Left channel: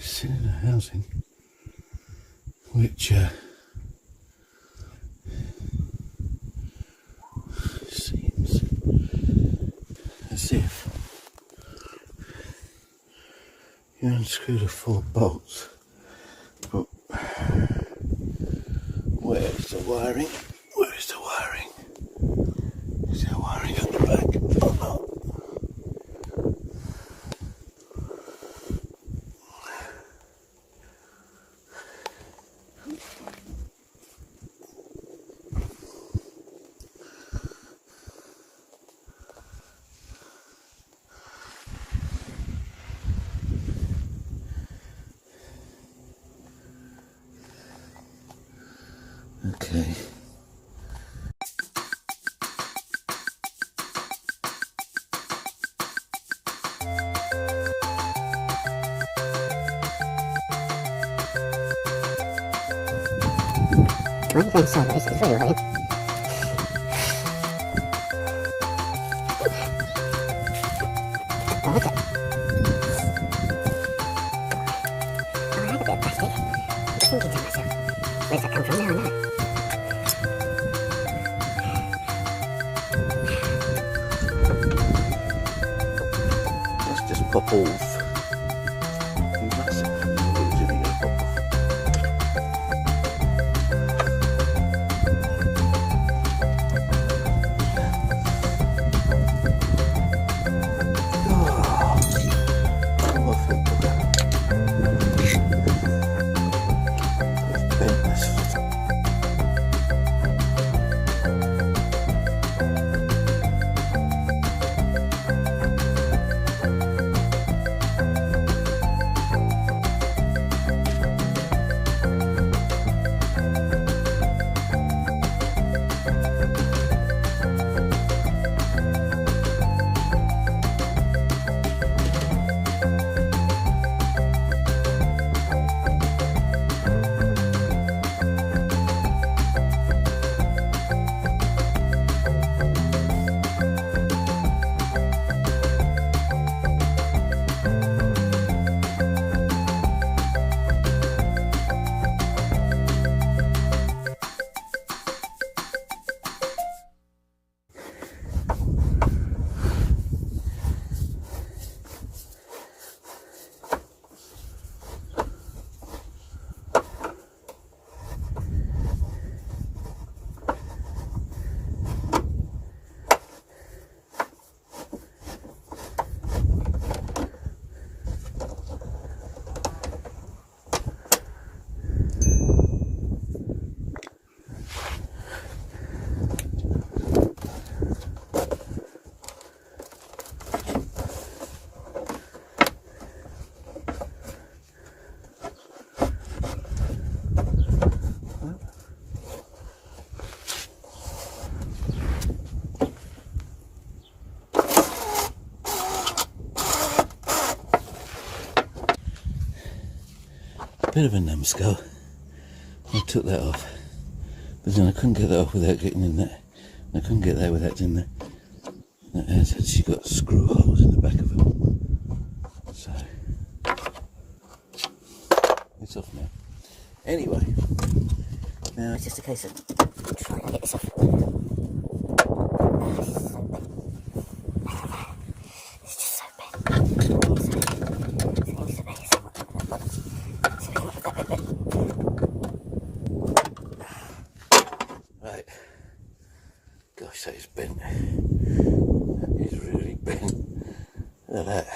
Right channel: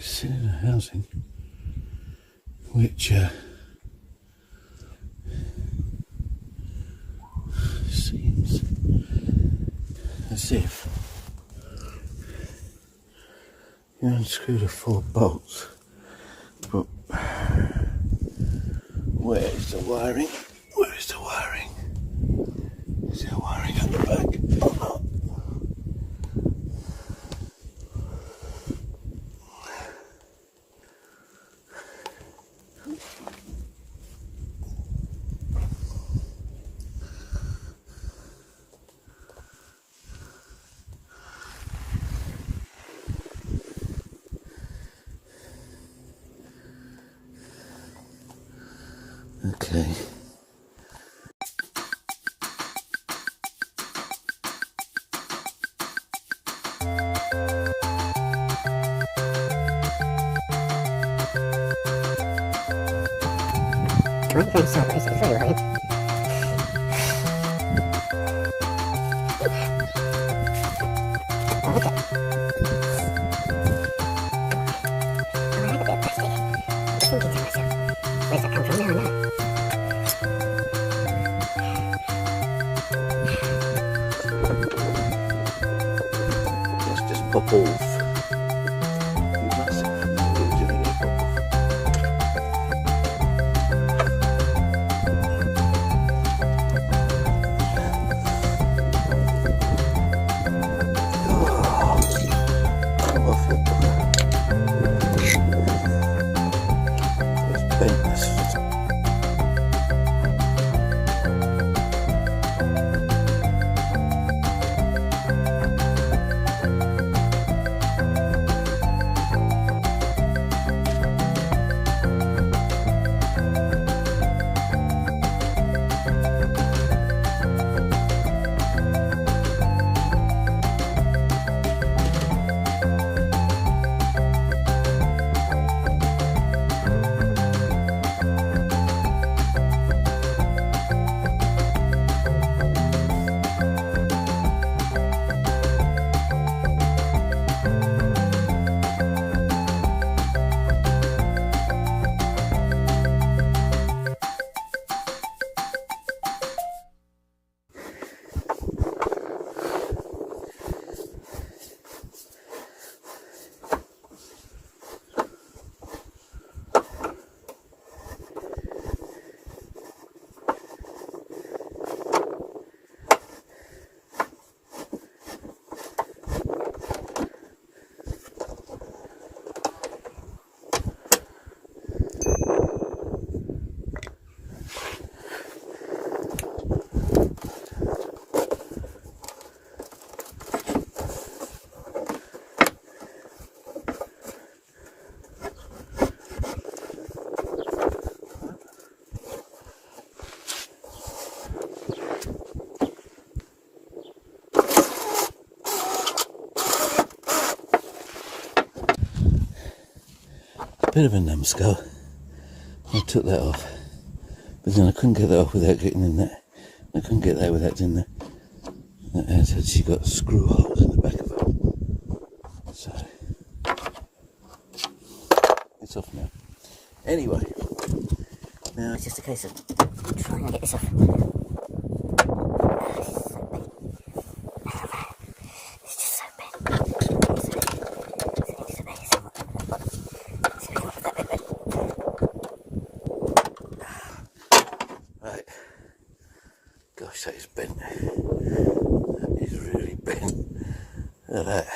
similar housing, which seems as if you unscrew the 4 bolts, but where is the wiring? Where is the wiring? Is there wiring at the back? Oh no. Okay. Okay, so this is very late. Okay. Where's that come from now? Let's just pop off. Bit of a numbskull. I took that off, but then I couldn't get that off without getting in there. I couldn't get that without in there. That has actually got screw holes in the back of it, so it's off now. Anyway, now it's just a case of trying to get this off. This is so big. It's just so big. Right, gosh, that is bent. That is really bent. Look at that.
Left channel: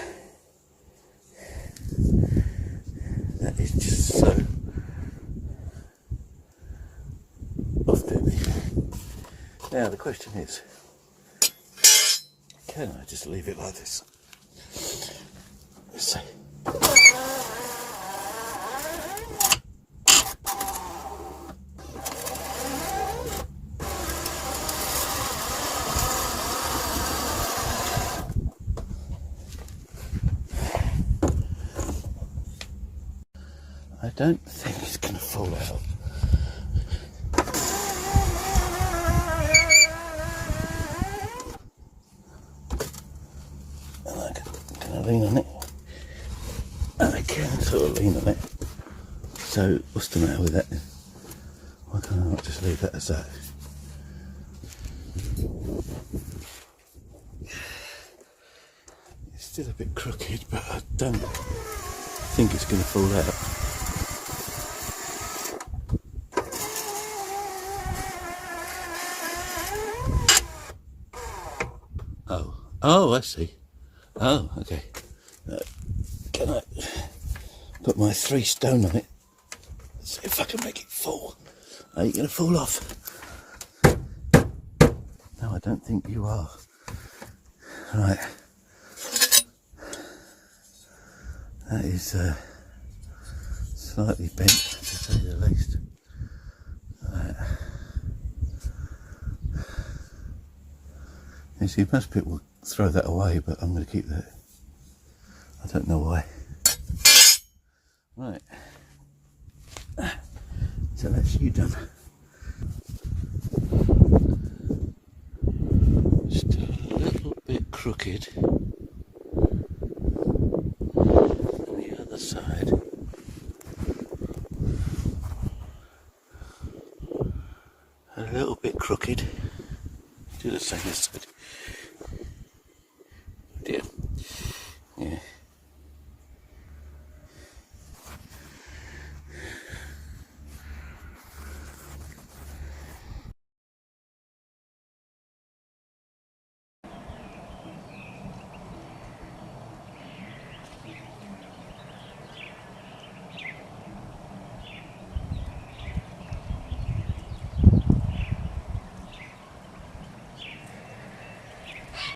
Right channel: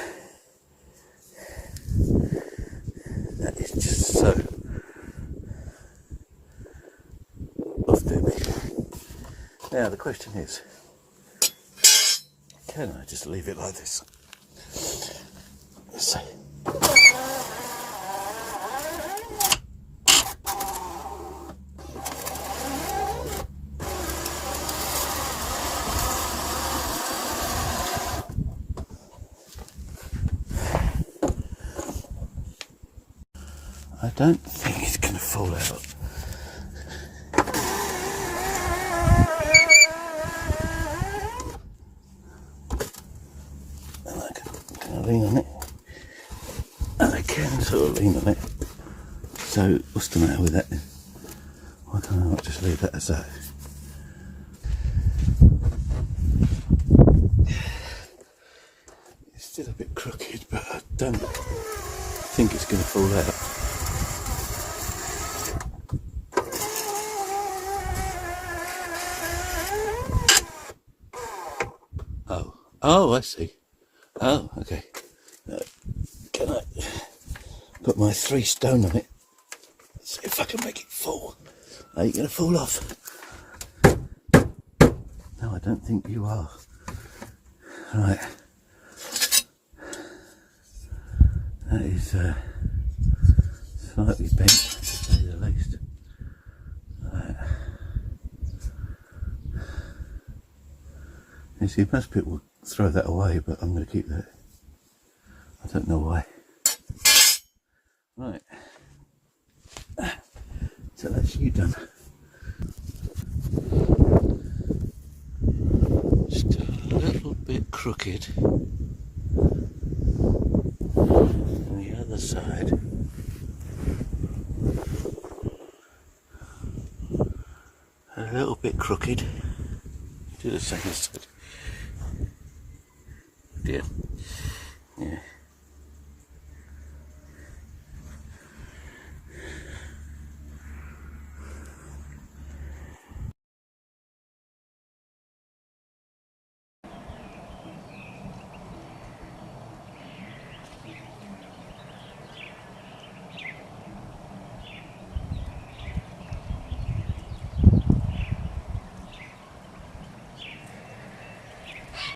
That is just so off-doing me. Now the question is, can I just leave it like this? Let's see. I don't think it's going to fall out. And can I lean on it? I can sort of lean on that then? Why can't I not just leave that as that? It's still a bit crooked, but I don't think it's going to fall out. Oh, I see. Oh, okay. Can I put my 3 stone on it? See if I can make it fall. Are you going to fall off? No, I don't think you are. Right. That is slightly bent, to say the least. Right. You see, most people throw that away, but I'm going to keep that. I don't know why. Right. So that's you done. Just a little bit crooked on the other side. A little bit crooked. Do the same side. Dear. Yeah.